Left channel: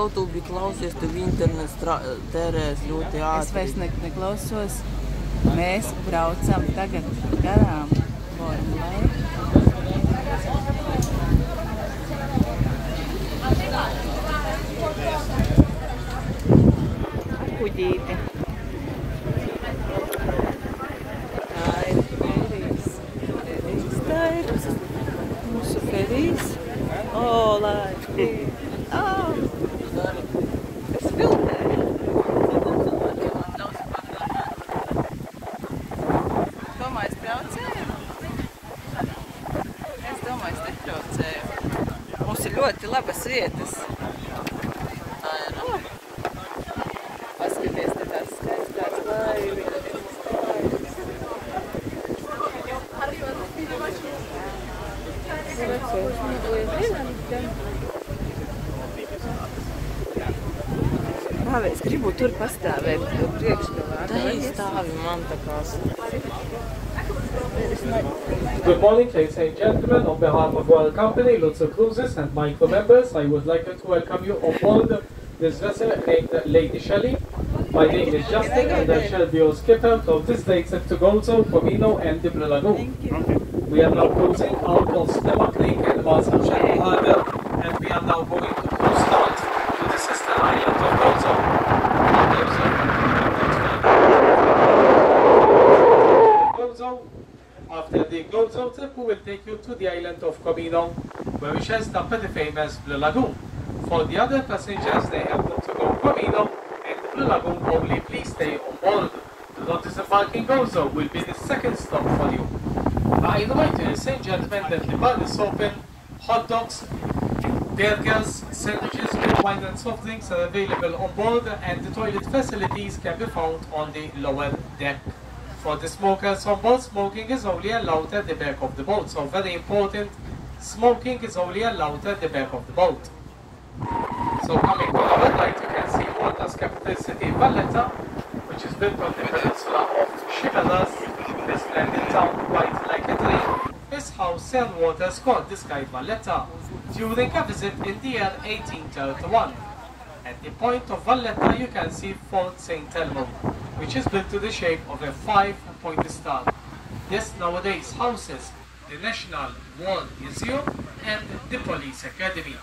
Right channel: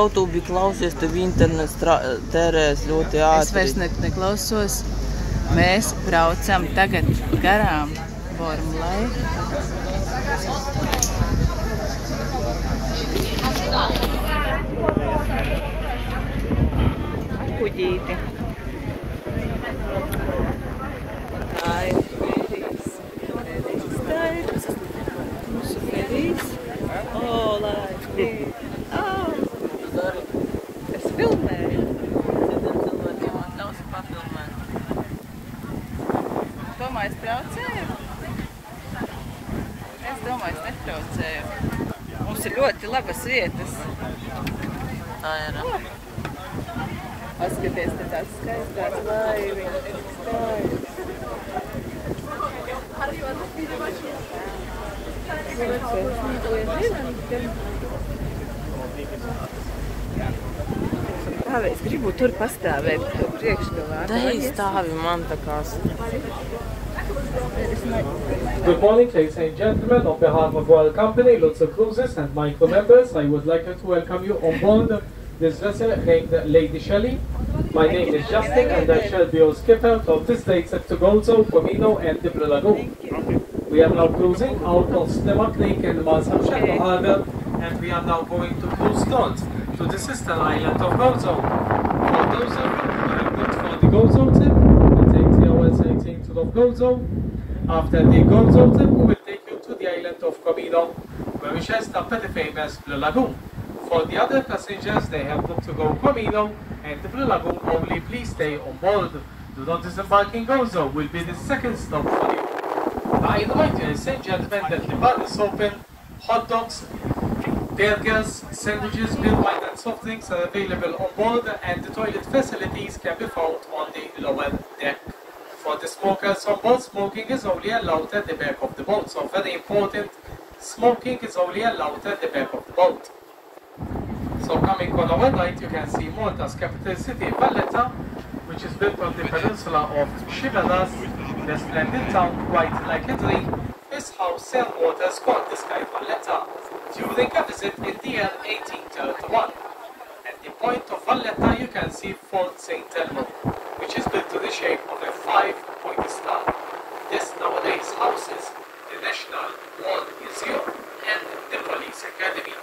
YouTube klausies, tev internets tērēs ļoti ātri. Es vairs neklausos. Mēs braucam tagad garām Vormlai. Ar kuģīti. Tā ir ferīs. Tā ir mūsu ferīs. O, lai! Es filmēju. Domāju, es traucēju? Es domāju, es netraucēju. Mums ir ļoti labas vietas. Tā ir. Paskaties, te tās skaistās laiviņas. Es gribu tur pastāvēt priekšgalā. Stāvi man tā kā. Good morning, ladies and gentlemen. On behalf of Royal Company, Lutzer Cruises and my co-members, I would like to welcome you on board this vessel named Lady Shelley. My name is Justin and I shall be your skipper from this day except to Gozo, Comino and the Blue Lagoon. We are now cruising out on Stemma Creek in Marshamshire Harbour, and we are now going to cruise north to the sister island of Gozo. After the Gozo trip, we will take you to the island of Comino, where we shall stop at the famous Blue Lagoon. For the other passengers, they have got to go Comino and the Blue Lagoon only. Please stay on board. Do not disembark in Gozo, will be the second stop for you. I remind you, ladies and gentlemen, that the bar is open. Hot dogs, burgers, sandwiches, beer, wine and soft drinks are available on board, and the toilet facilities can be found on the lower deck. For the smokers on board, smoking is only allowed at the back of the boat. So very important, smoking is only allowed at the back of the boat. So coming on our right, you can see Malta's capital city, Valletta, which is built on the peninsula of Chivalras. The splendid town, quite like a dream, is how Sir Waters called the sky Valletta during a visit in the year 1831. At the point of Valletta, you can see Fort St. Elmo, which is built to the shape of a 5-pointed star. This nowadays houses the National War Museum and the Police Academy.